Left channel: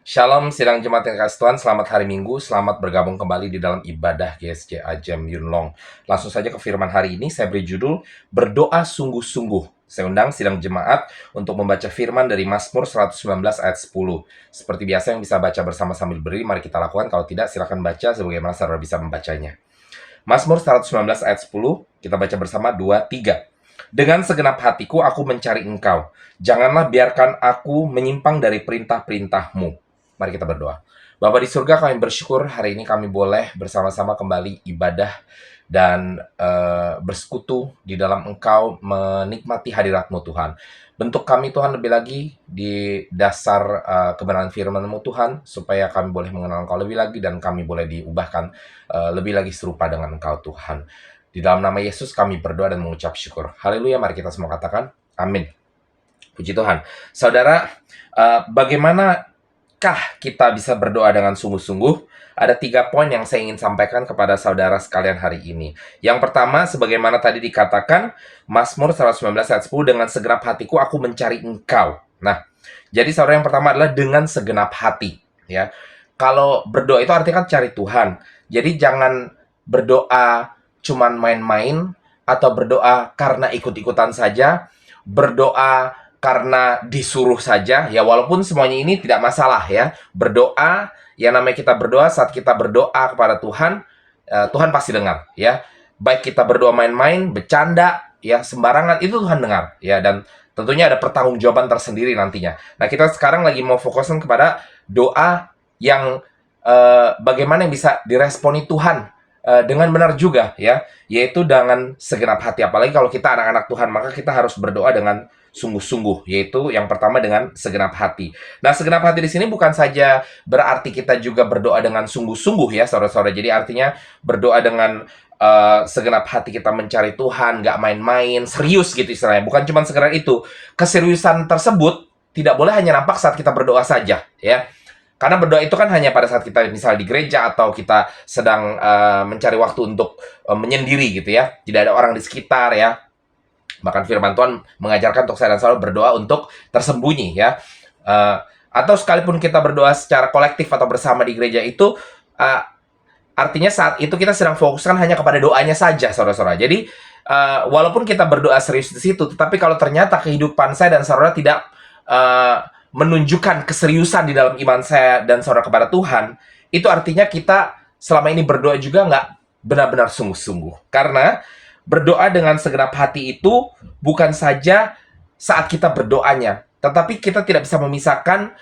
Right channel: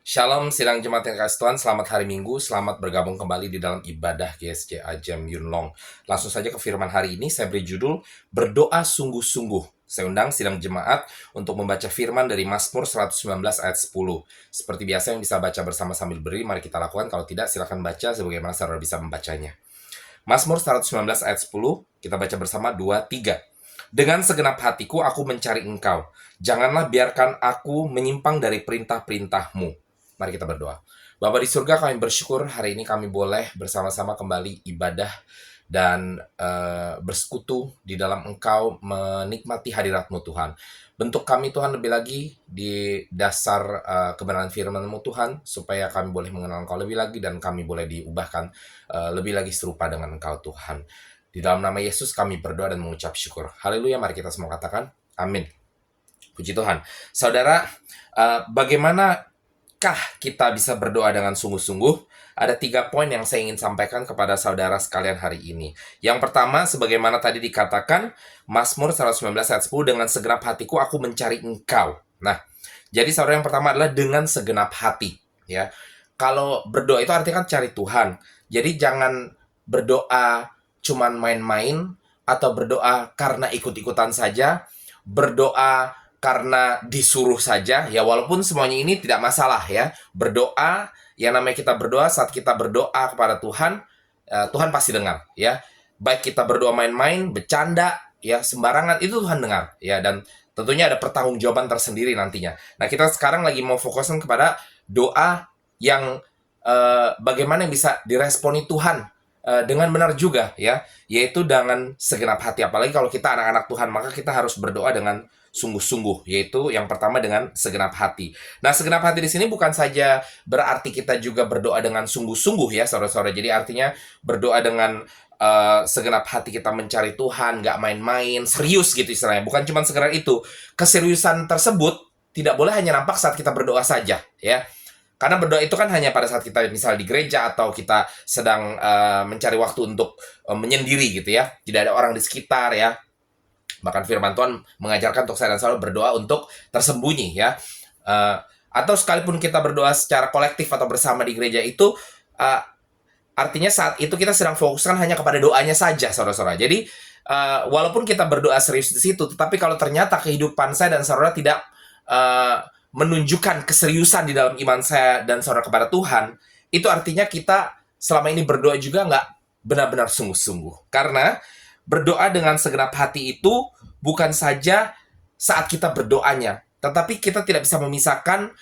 Shalom, sidang jemaat yang kasih Tuhan, selamat hari Minggu, selamat bergabung kembali di dalam ibadah GSJ Ajem Yunlong. Langsung saja ke firman hari ini, saya beri judul, Berdoa Sungguh-Sungguh. Saya undang sidang jemaat untuk membaca firman dari Mazmur 119 ayat 10. Seperti biasa yang bisa baca bersama sambil berdiri, mari kita lakukan. Kalau tidak, silakan baca sebagaimana saudara bisa membacanya. Mazmur 119 ayat 10, kita baca bersama 2, 3. Dengan segenap hatiku aku mencari engkau. Janganlah biarkan aku menyimpang dari perintah-perintahmu. Mari kita berdoa. Bapa di surga, kami bersyukur hari ini kami boleh bersama-sama kembali ibadah dan bersekutu di dalam Engkau, menikmati hadirat-Mu Tuhan. Bentuk kami Tuhan lebih lagi di dasar kebenaran firman-Mu Tuhan, supaya kami boleh mengenal Engkau lebih lagi dan kami boleh diubahkan lebih lagi serupa dengan Engkau Tuhan. Di dalam nama Yesus kami berdoa dan mengucap syukur. Haleluya, mari kita semua katakan amin. Puji Tuhan. Saudara, bagaimana kita bisa berdoa dengan sungguh-sungguh? Ada 3 poin yang saya ingin sampaikan kepada saudara sekalian hari ini. Yang pertama, sebagaimana tadi dikatakan, Mazmur 119 ayat 10, dengan segenap hatiku aku mencari engkau. Nah, jadi saudara, yang pertama adalah dengan segenap hati. Ya, kalau berdoa itu artinya kan cari Tuhan. Jadi jangan berdoa cuman main-main, atau berdoa karena ikut-ikutan saja, berdoa karena disuruh saja, ya walaupun semuanya ini tidak masalah ya. Berdoa, yang namanya kita berdoa, saat kita berdoa kepada Tuhan, Tuhan pasti dengar ya. Baik kita berdoa main-main, bercanda, ya sembarangan, itu Tuhan dengar ya. Dan tentunya ada pertanggungjawaban tersendiri nantinya. Nah, kita sekarang lagi mau fokuskan kepada doa yang bagaimana yang bisa diresponi Tuhan dengan benar juga ya, yaitu dengan segenap hati. Apalagi kalau kita anak-anak Tuhan, maka kita harus berdoa dengan sungguh-sungguh, yaitu yang pertama dengan segenap hati. Nah, segenap hati di sini bukan saja berarti kita juga berdoa dengan sungguh-sungguh ya, saudara-saudara. Jadi artinya berdoa dengan segenap hati kita mencari Tuhan, nggak main-main, serius gitu istilahnya. Bukan cuma sekedar itu. Keseriusan tersebut tidak boleh hanya nampak saat kita berdoa saja ya. Karena berdoa itu kan hanya pada saat kita misal di gereja atau kita sedang mencari waktu untuk menyendiri gitu ya. Tidak ada orang di sekitar ya. Bahkan firman Tuhan mengajarkan untuk saya dan saudara berdoa untuk tersembunyi ya. Atau sekalipun kita berdoa secara kolektif atau bersama di gereja itu, artinya saat itu kita sedang fokuskan hanya kepada doanya saja, saudara-saudara. Jadi walaupun kita berdoa serius di situ, tetapi kalau ternyata kehidupan saya dan saudara tidak menunjukkan keseriusan di dalam iman saya dan saudara kepada Tuhan, itu artinya kita selama ini berdoa juga nggak benar-benar sungguh-sungguh. Karena berdoa dengan segenap hati itu bukan saja saat kita berdoanya, tetapi kita tidak bisa memisahkan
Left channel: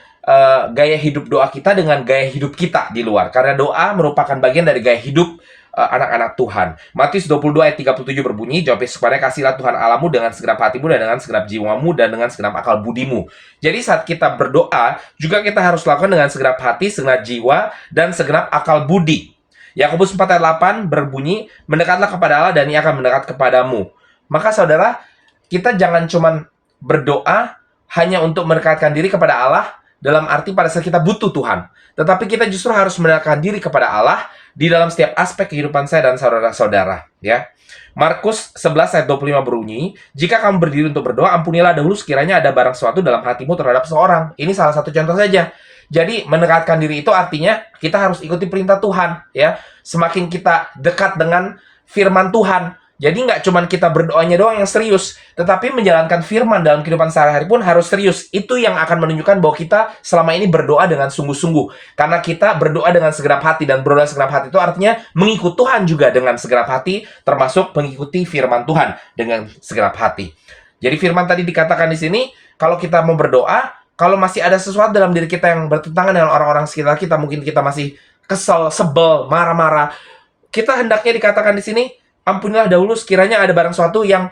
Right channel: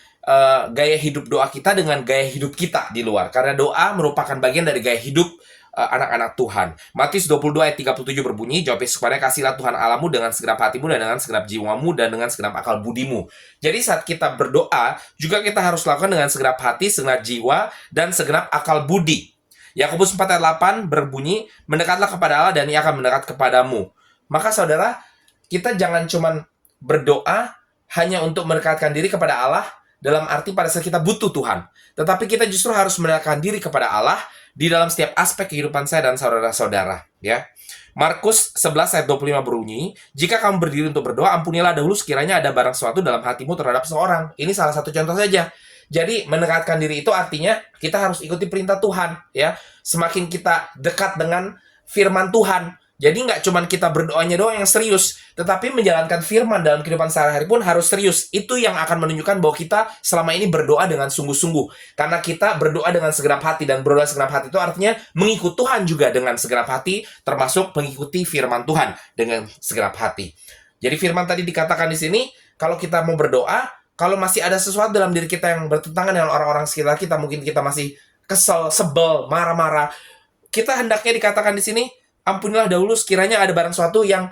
gaya hidup doa kita dengan gaya hidup kita di luar. Karena doa merupakan bagian dari gaya hidup anak-anak Tuhan. Matius 22 ayat 37 berbunyi, jawab Yesus kepadanya, kasihlah Tuhan Allahmu dengan segenap hatimu dan dengan segenap jiwamu dan dengan segenap akal budimu. Jadi saat kita berdoa, juga kita harus lakukan dengan segenap hati, segenap jiwa, dan segenap akal budi. Yakobus 4 ayat 8 berbunyi, mendekatlah kepada Allah dan Ia akan mendekat kepadamu. Maka saudara, kita jangan cuma berdoa hanya untuk mendekatkan diri kepada Allah dalam arti pada saat kita butuh Tuhan. Tetapi kita justru harus mendekatkan diri kepada Allah di dalam setiap aspek kehidupan saya dan saudara-saudara ya. Markus 11 ayat 25 berbunyi, jika kamu berdiri untuk berdoa, ampunilah dahulu sekiranya ada barang suatu dalam hatimu terhadap seorang. Ini salah satu contoh saja. Jadi mendekatkan diri itu artinya kita harus ikuti perintah Tuhan ya. Semakin kita dekat dengan firman Tuhan, jadi nggak cuma kita berdoanya doang yang serius, tetapi menjalankan firman dalam kehidupan sehari-hari pun harus serius. Itu yang akan menunjukkan bahwa kita selama ini berdoa dengan sungguh-sungguh. Karena kita berdoa dengan segenap hati, dan berdoa segenap hati itu artinya mengikut Tuhan juga dengan segenap hati, termasuk mengikuti firman Tuhan dengan segenap hati. Jadi firman tadi dikatakan di sini, kalau kita mau berdoa, kalau masih ada sesuatu dalam diri kita yang bertentangan dengan orang-orang sekitar kita, mungkin kita masih kesel, sebel, marah-marah, kita hendaknya dikatakan di sini, ampunilah dahulu sekiranya ada barang suatu yang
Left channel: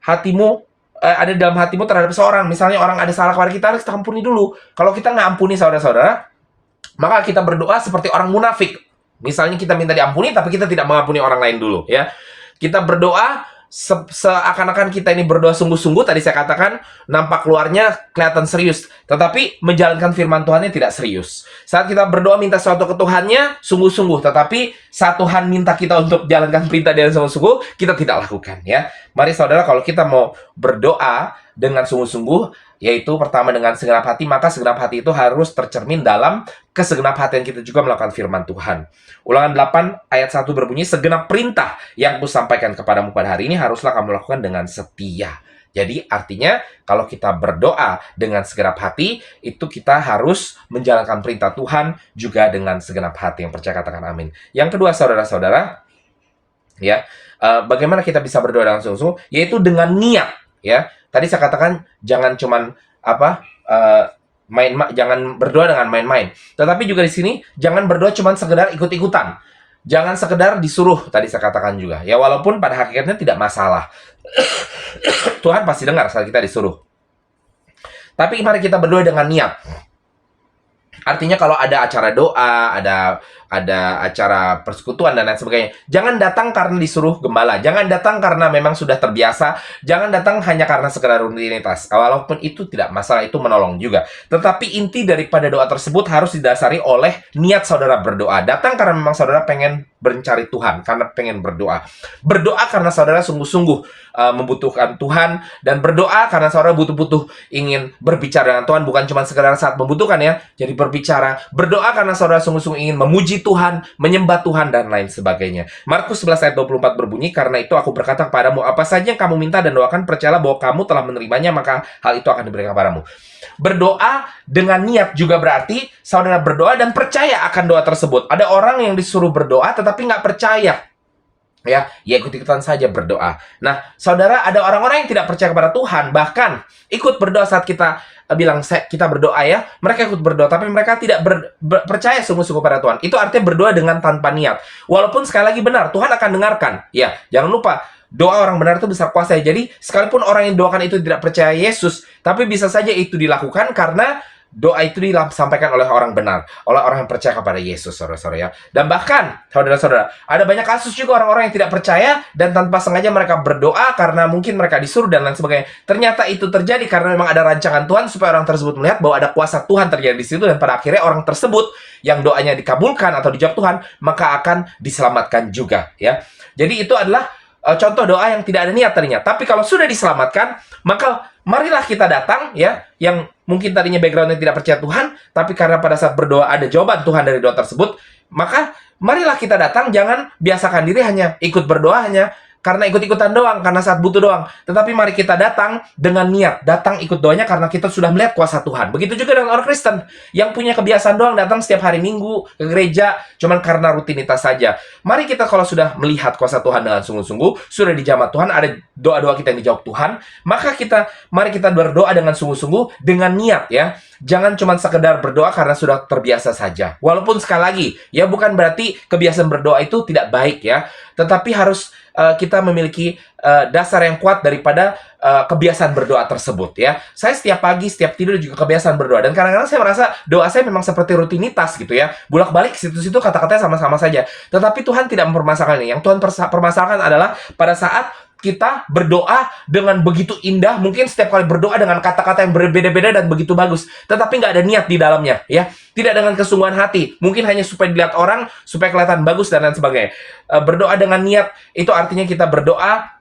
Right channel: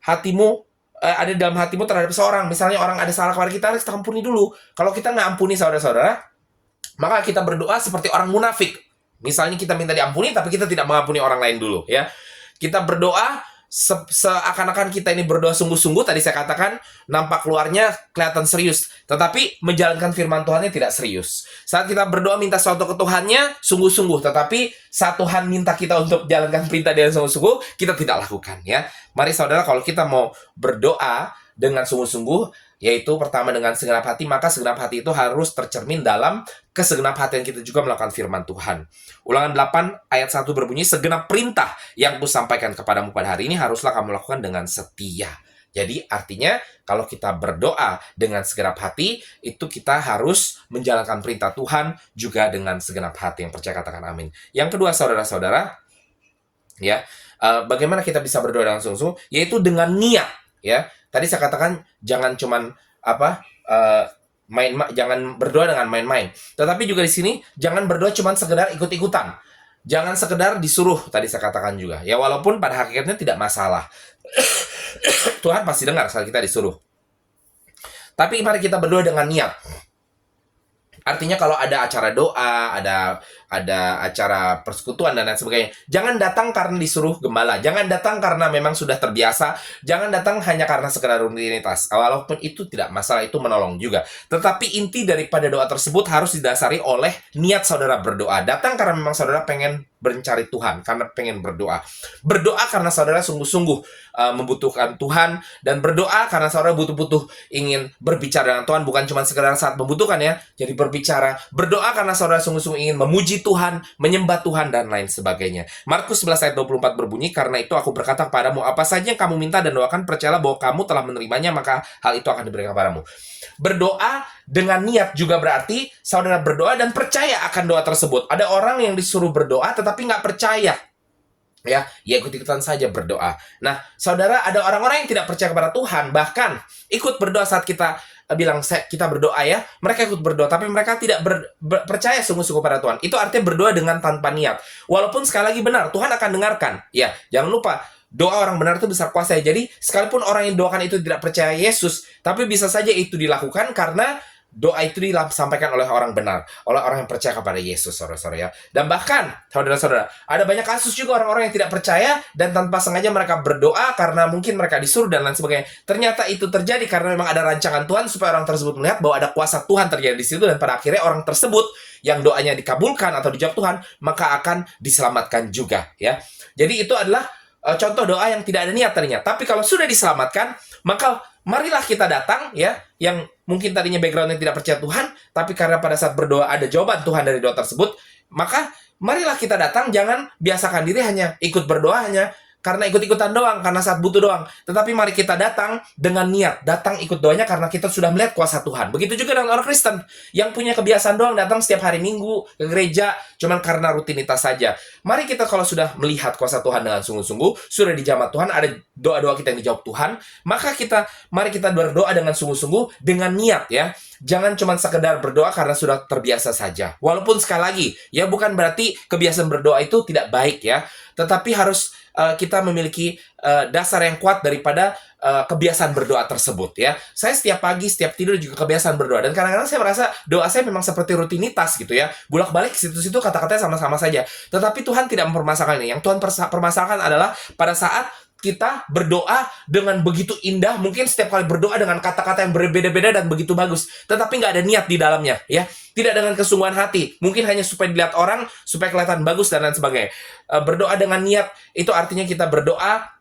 hatimu ada dalam hatimu terhadap seorang. Misalnya orang ada salah kepada kita, harus kita ampuni dulu. Kalau kita nggak ampuni saudara-saudara, maka kita berdoa seperti orang munafik. Misalnya kita minta diampuni, tapi kita tidak mengampuni orang lain dulu ya. Kita berdoa seakan-akan kita ini berdoa sungguh-sungguh, tadi saya katakan nampak luarnya kelihatan serius, tetapi menjalankan firman Tuhannya tidak serius. Saat kita berdoa minta sesuatu ke Tuhannya sungguh-sungguh, tetapi saat Tuhan minta kita untuk jalankan perintah dengan sungguh-sungguh, kita tidak lakukan ya. Mari saudara, kalau kita mau berdoa dengan sungguh-sungguh, yaitu pertama dengan segenap hati, maka segenap hati itu harus tercermin dalam kesegenap hatian kita juga melakukan firman Tuhan. Ulangan 8 ayat 1 berbunyi, segenap perintah yang kusampaikan kepadamu pada hari ini haruslah kamu lakukan dengan setia. Jadi artinya kalau kita berdoa dengan segenap hati, itu kita harus menjalankan perintah Tuhan juga dengan segenap hati. Yang percaya katakan amin. Yang kedua, saudara-saudara, ya, bagaimana kita bisa berdoa dengan sungguh-sungguh? Yaitu dengan niat, ya. Tadi saya katakan jangan cuman jangan berdoa dengan main-main. Tetapi juga di sini jangan berdoa cuman sekedar ikut-ikutan. Jangan sekedar disuruh, tadi saya katakan juga. Ya walaupun pada hakikatnya tidak masalah. Tuhan pasti dengar saat kita disuruh. Tapi mari kita berdoa dengan niat. Artinya kalau ada acara doa, ada acara persekutuan dan lain sebagainya, jangan datang karena disuruh gembala, jangan datang karena memang sudah terbiasa, jangan datang hanya karena sekedar rutinitas. Walaupun itu tidak masalah, itu menolong juga. Tetapi inti daripada doa tersebut harus didasari oleh niat saudara berdoa. Datang karena memang saudara pengen mencari Tuhan, karena pengen berdoa. Berdoa karena saudara sungguh-sungguh membutuhkan Tuhan, dan berdoa karena saudara butuh-butuh ingin berbicara dengan Tuhan, bukan cuma sekedar saat membutuhkan ya. Jadi berbicara, berdoa karena saudara sungguh-sungguh ingin memuji Tuhan, menyembah Tuhan, dan lain sebagainya. Markus 11 ayat 24 berbunyi, karena itu aku berkata kepadamu, apa saja yang kamu minta dan doakan, percayalah bahwa kamu telah menerimanya, maka hal itu akan diberikan kepadamu. Berdoa dengan niat juga berarti saudara berdoa dan percaya akan doa tersebut. Ada orang yang disuruh berdoa tetapi nggak percaya. Ya ikut-ikutan saja berdoa. Nah, saudara, ada orang-orang yang tidak percaya kepada Tuhan, bahkan ikut berdoa saat kita bilang kita berdoa ya, mereka ikut berdoa, tapi mereka tidak percaya sungguh-sungguh pada Tuhan. Itu artinya berdoa dengan tanpa niat. Walaupun sekali lagi benar, Tuhan akan dengarkan. Ya, jangan lupa, doa orang benar itu besar kuasa. Jadi, sekalipun orang yang doakan itu tidak percaya Yesus, tapi bisa saja itu dilakukan karena doa itu disampaikan oleh orang benar, oleh orang yang percaya kepada Yesus, saudara-saudara ya. Dan bahkan, saudara-saudara, ada banyak kasus juga orang-orang yang tidak percaya dan tanpa sengaja mereka berdoa karena mungkin mereka disuruh dan lain sebagainya. Ternyata itu terjadi karena memang ada rancangan Tuhan supaya orang tersebut melihat bahwa ada kuasa Tuhan terjadi di situ, dan pada akhirnya orang tersebut yang doanya dikabulkan atau dijawab Tuhan, maka akan diselamatkan juga ya. Jadi itu adalah contoh doa yang tidak ada niat tadinya. Tapi kalau sudah diselamatkan, maka marilah kita datang ya, yang mungkin tadinya backgroundnya tidak percaya Tuhan, tapi karena pada saat berdoa ada jawaban Tuhan dari doa tersebut, maka marilah kita datang, jangan biasakan diri hanya ikut berdoa hanya karena ikut-ikutan doang, karena saat butuh doang. Tetapi mari kita datang dengan niat, datang ikut doanya karena kita sudah melihat kuasa Tuhan. Begitu juga dengan orang Kristen yang punya kebiasaan doang datang setiap hari Minggu ke gereja cuman karena rutinitas saja. Mari kita kalau sudah melihat kuasa Tuhan dengan sungguh-sungguh, sudah dijamah Tuhan, ada doa-doa kita yang dijawab Tuhan, maka mari kita berdoa dengan sungguh-sungguh, dengan niat ya. Jangan cuma sekedar berdoa karena sudah terbiasa saja. Walaupun sekali lagi, ya bukan berarti kebiasaan berdoa itu tidak baik ya. Tetapi harus kita memiliki dasar yang kuat daripada kebiasaan berdoa tersebut ya. Saya setiap pagi, setiap tidur juga kebiasaan berdoa. Dan kadang-kadang saya merasa doa saya memang seperti rutinitas gitu ya. Bolak-balik situ-situ kata-katanya sama-sama saja. Tetapi Tuhan tidak mempermasalahkan ini. Yang Tuhan permasalahkan adalah pada saat kita berdoa dengan begitu indah, mungkin setiap kali berdoa dengan kata-kata yang berbeda-beda dan begitu bagus, tetapi nggak ada niat di dalamnya, ya. Tidak dengan kesungguhan hati, mungkin hanya supaya dilihat orang, supaya kelihatan bagus dan lain sebagainya. Berdoa dengan niat, itu artinya kita berdoa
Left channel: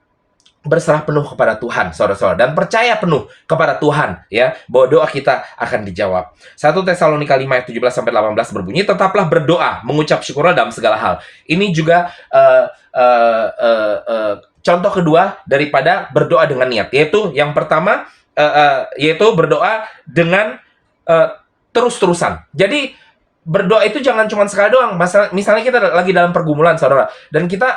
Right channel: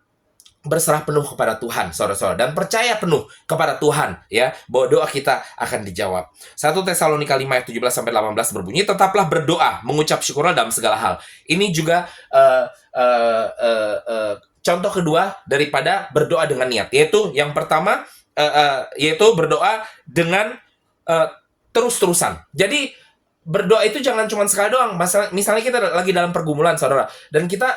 berserah penuh kepada Tuhan, saudara-saudara, dan percaya penuh kepada Tuhan, ya, bahwa doa kita akan dijawab. 1 Tesalonika 5 ayat 17-18 berbunyi, tetaplah berdoa, mengucap syukurlah dalam segala hal. Ini juga contoh kedua daripada berdoa dengan niat, yaitu yang pertama yaitu berdoa dengan terus-terusan. Jadi berdoa itu jangan cuma sekali doang. Misalnya kita lagi dalam pergumulan, saudara, dan kita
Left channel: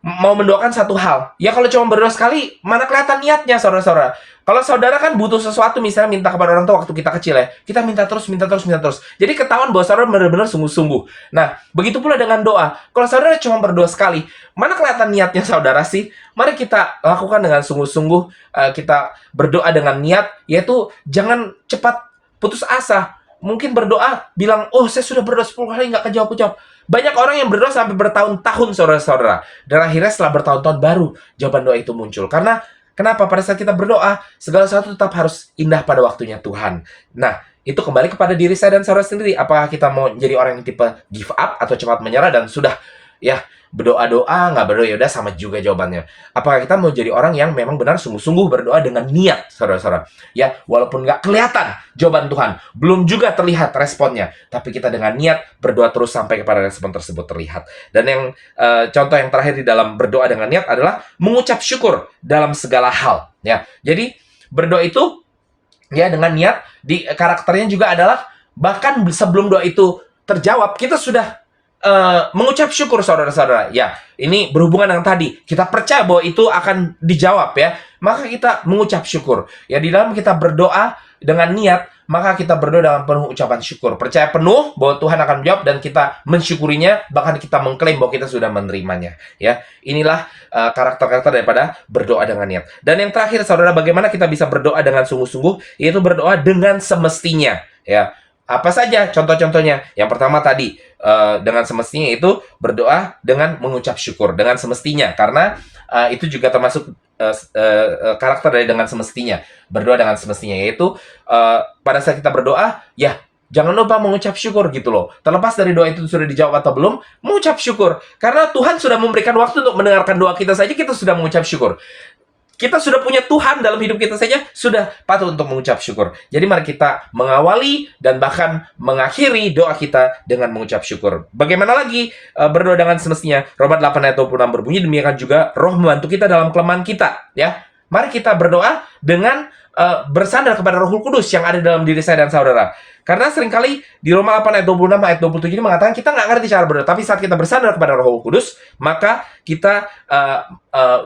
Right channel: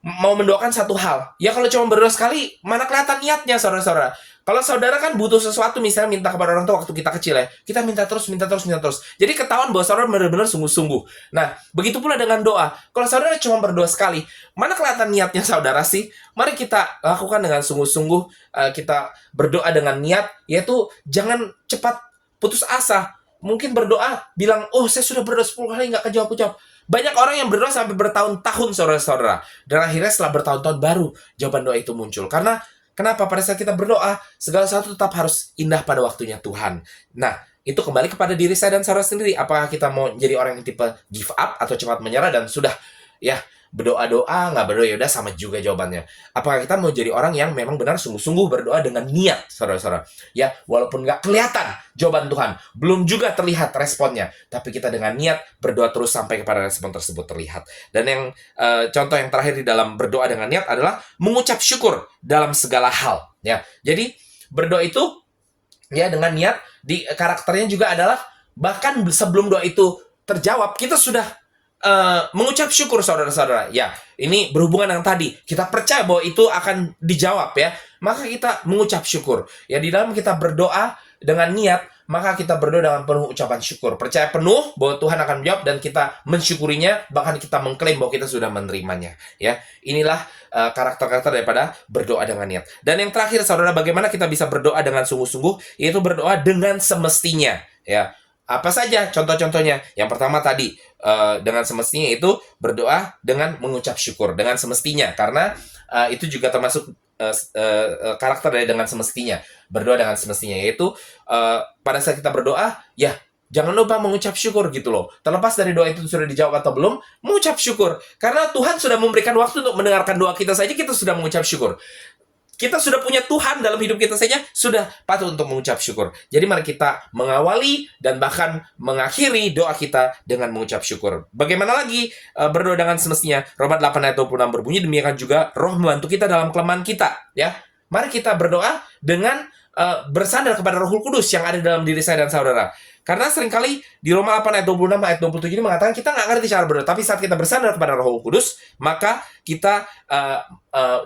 mau mendoakan satu hal. Ya kalau cuma berdoa sekali, mana kelihatan niatnya, saudara-saudara. Kalau saudara kan butuh sesuatu, misalnya minta kepada orang tua waktu kita kecil ya, kita minta terus. Jadi ketahuan bahwa saudara benar-benar sungguh-sungguh. Nah, begitu pula dengan doa. Kalau saudara cuma berdoa sekali, mana kelihatan niatnya saudara sih? Mari kita lakukan dengan sungguh-sungguh. Kita berdoa dengan niat, yaitu jangan cepat putus asa. Mungkin berdoa, bilang, oh saya sudah berdoa 10 kali nggak kejawab-kejawab. Banyak orang yang berdoa sampai bertahun-tahun, saudara-saudara. Dan akhirnya setelah bertahun-tahun baru jawaban doa itu muncul. Karena kenapa? Pada saat kita berdoa, segala sesuatu tetap harus indah pada waktunya Tuhan. Nah, itu kembali kepada diri saya dan saudara sendiri. Apakah kita mau jadi orang yang tipe give up atau cepat menyerah dan sudah ya berdoa-doa, nggak berdoa, ya udah sama juga jawabannya. Apakah kita mau jadi orang yang memang benar sungguh-sungguh berdoa dengan niat, saudara-saudara? Ya, walaupun nggak kelihatan jawaban Tuhan, belum juga terlihat responnya, tapi kita dengan niat berdoa terus sampai kepada respon tersebut terlihat. Dan yang contoh yang terakhir di dalam berdoa dengan niat adalah mengucap syukur dalam segala hal. Ya, jadi berdoa itu ya dengan niat, di karakternya juga adalah bahkan sebelum doa itu terjawab, kita sudah mengucap syukur, saudara-saudara. Ya, ini berhubungan dengan tadi. Kita percaya bahwa itu akan dijawab ya. Maka kita mengucap syukur. Ya, di dalam kita berdoa dengan niat, maka kita berdoa dengan penuh ucapan syukur. Percaya penuh bahwa Tuhan akan menjawab dan kita mensyukurinya, bahkan kita mengklaim bahwa kita sudah menerimanya. Ya, inilah karakter-karakter daripada berdoa dengan niat. Dan yang terakhir, saudara, bagaimana kita bisa berdoa dengan sungguh-sungguh? Yaitu berdoa dengan semestinya. Ya, apa saja contoh-contohnya? Yang pertama tadi, dengan semestinya itu berdoa dengan mengucap syukur. Dengan semestinya, karena itu juga termasuk karakter dari dengan semestinya. Berdoa dengan semestinya, yaitu pada saat kita berdoa, ya jangan lupa mengucap syukur gitu loh. Terlepas dari doa itu sudah dijawab atau belum, mengucap syukur. Karena Tuhan sudah memberikan waktu untuk mendengarkan doa kita saja, kita sudah mengucap syukur. Kita sudah punya Tuhan dalam hidup kita saja, sudah patut untuk mengucap syukur. Jadi mari kita mengawali dan bahkan mengakhiri doa kita dengan mengucap syukur. Bagaimana lagi berdoa dengan semestinya? Roma 8 ayat 26 berbunyi, demikian juga Roh membantu kita dalam kelemahan kita. Ya, mari kita berdoa dengan bersandar kepada Roh Kudus yang ada dalam diri saya dan saudara. Karena seringkali di Roma 8 ayat 26 ayat 27 ini mengatakan kita nggak ngerti cara berdoa. Tapi saat kita bersandar kepada Roh Kudus, maka kita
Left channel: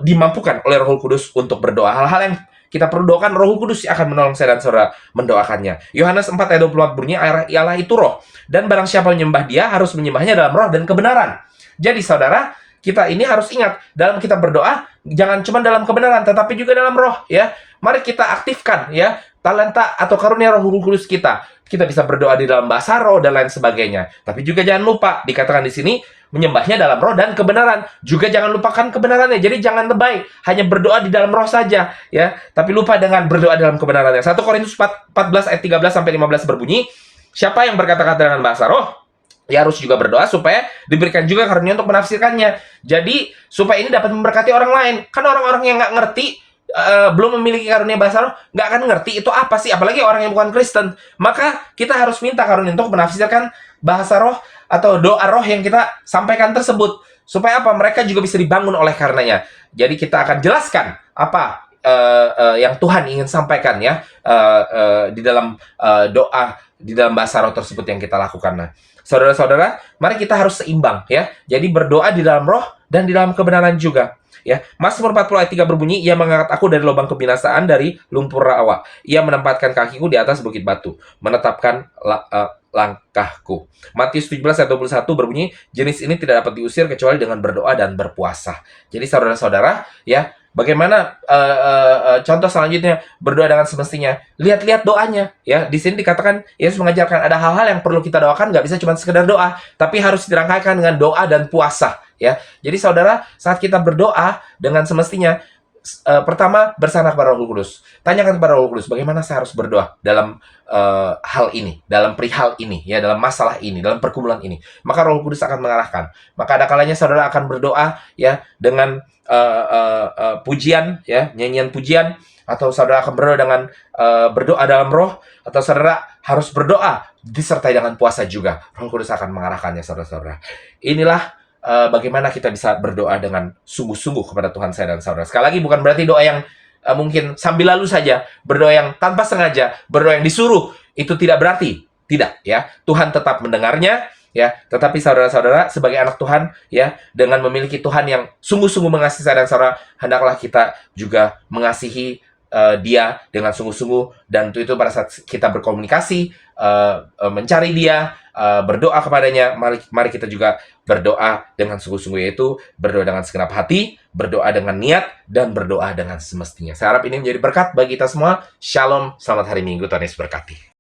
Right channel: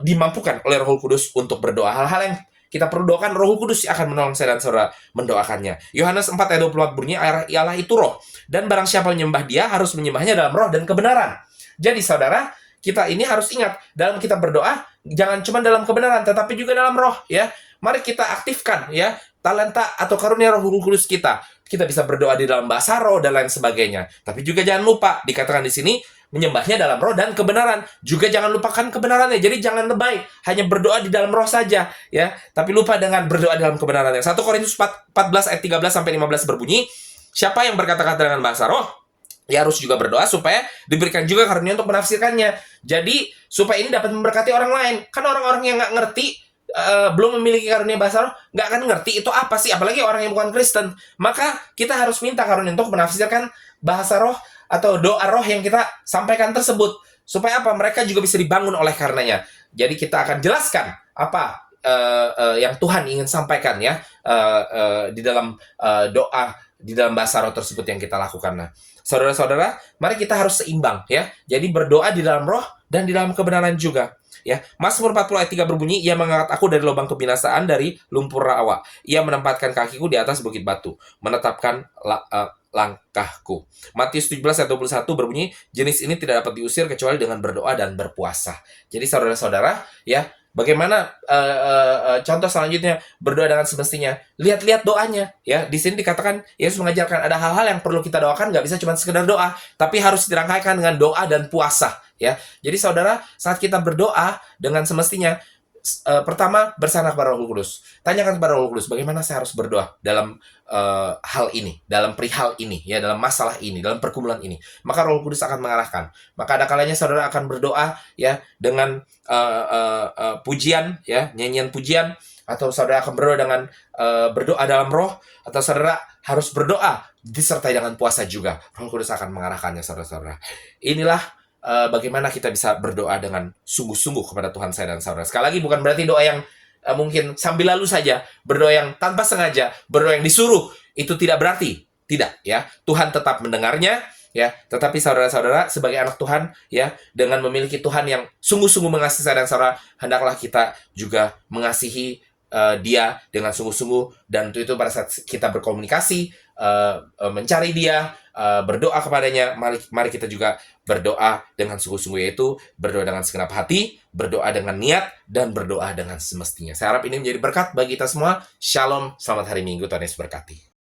dimampukan oleh Roh Kudus untuk berdoa. Hal-hal yang kita perlu doakan, Roh Kudus akan menolong saya dan saudara mendoakannya. Yohanes 4 ayat 24 bunyi, Allah itu roh. Dan barang siapa menyembah dia, harus menyembahnya dalam roh dan kebenaran. Jadi saudara, kita ini harus ingat, dalam kita berdoa, jangan cuma dalam kebenaran, tetapi juga dalam roh. Ya, mari kita aktifkan ya talenta atau karunia Roh Kudus kita. Kita bisa berdoa di dalam bahasa roh dan lain sebagainya. Tapi juga jangan lupa, dikatakan di sini, menyembahnya dalam roh dan kebenaran. Juga jangan lupakan kebenarannya. Jadi jangan lebay, hanya berdoa di dalam roh saja, ya. Tapi lupa dengan berdoa dalam kebenarannya. 1 Korintus 14 ayat 13 sampai 15 berbunyi, siapa yang berkata-kata dengan bahasa roh, ia harus juga berdoa supaya diberikan juga karunia untuk menafsirkannya. Jadi supaya ini dapat memberkati orang lain. Kan orang-orang yang nggak ngerti, belum memiliki karunia bahasa roh, nggak akan ngerti itu apa sih, apalagi orang yang bukan Kristen. Maka kita harus minta karunia untuk menafsirkan bahasa roh atau doa roh yang kita sampaikan tersebut, supaya apa, mereka juga bisa dibangun oleh karenanya. Jadi kita akan jelaskan apa yang Tuhan ingin sampaikan ya di dalam doa di dalam bahasa roh tersebut yang kita lakukan. Nah, saudara-saudara, mari kita harus seimbang ya. Jadi berdoa di dalam roh dan di dalam kebenaran juga. Ya, Mazmur 40 ayat 3 berbunyi, ia mengangkat aku dari lubang kebinasaan, dari lumpur rawa. Ia menempatkan kakiku di atas bukit batu, menetapkan langkahku. Matius 17 ayat 21 berbunyi, jenis ini tidak dapat diusir kecuali dengan berdoa dan berpuasa. Jadi saudara-saudara, ya, bagaimana contoh selanjutnya berdoa dengan semestinya? Lihat-lihat doanya, ya. Di sini dikatakan Yesus mengajarkan ada hal-hal yang perlu kita doakan, nggak bisa cuma sekedar doa, tapi harus dirangkaikan dengan doa dan puasa. Ya, jadi saudara, saat kita berdoa dengan semestinya, pertama bersandar kepada Roh Kudus. Tanyakan kepada Roh Kudus, bagaimana saya harus berdoa dalam hal ini, dalam perihal ini, ya, dalam masalah ini, dalam pergumulan ini. Maka Roh Kudus akan mengarahkan. Maka ada kalanya saudara akan berdoa ya dengan pujian, ya, nyanyian pujian, atau saudara akan berdoa dengan berdoa dalam roh, atau saudara harus berdoa disertai dengan puasa juga. Roh Kudus akan mengarahkannya, saudara-saudara. Inilah bagaimana kita bisa berdoa dengan sungguh-sungguh kepada Tuhan saya dan saudara. Sekali lagi, bukan berarti doa yang mungkin sambil lalu saja, berdoa yang tanpa sengaja, berdoa yang disuruh, itu tidak berarti. Tidak, ya. Tuhan tetap mendengarnya, ya. Tetapi saudara-saudara, sebagai anak Tuhan, ya, dengan memiliki Tuhan yang sungguh-sungguh mengasihi saya dan saudara, hendaklah kita juga mengasihi dia dengan sungguh-sungguh. Dan itu pada saat kita berkomunikasi, mencari dia, berdoa kepadanya, mari kita juga berdoa dengan sungguh-sungguh, yaitu berdoa dengan segenap hati, berdoa dengan niat, dan berdoa dengan semestinya. Saya harap ini menjadi berkat bagi kita semua. Shalom, selamat hari Minggu, Tuhan Yesus berkati.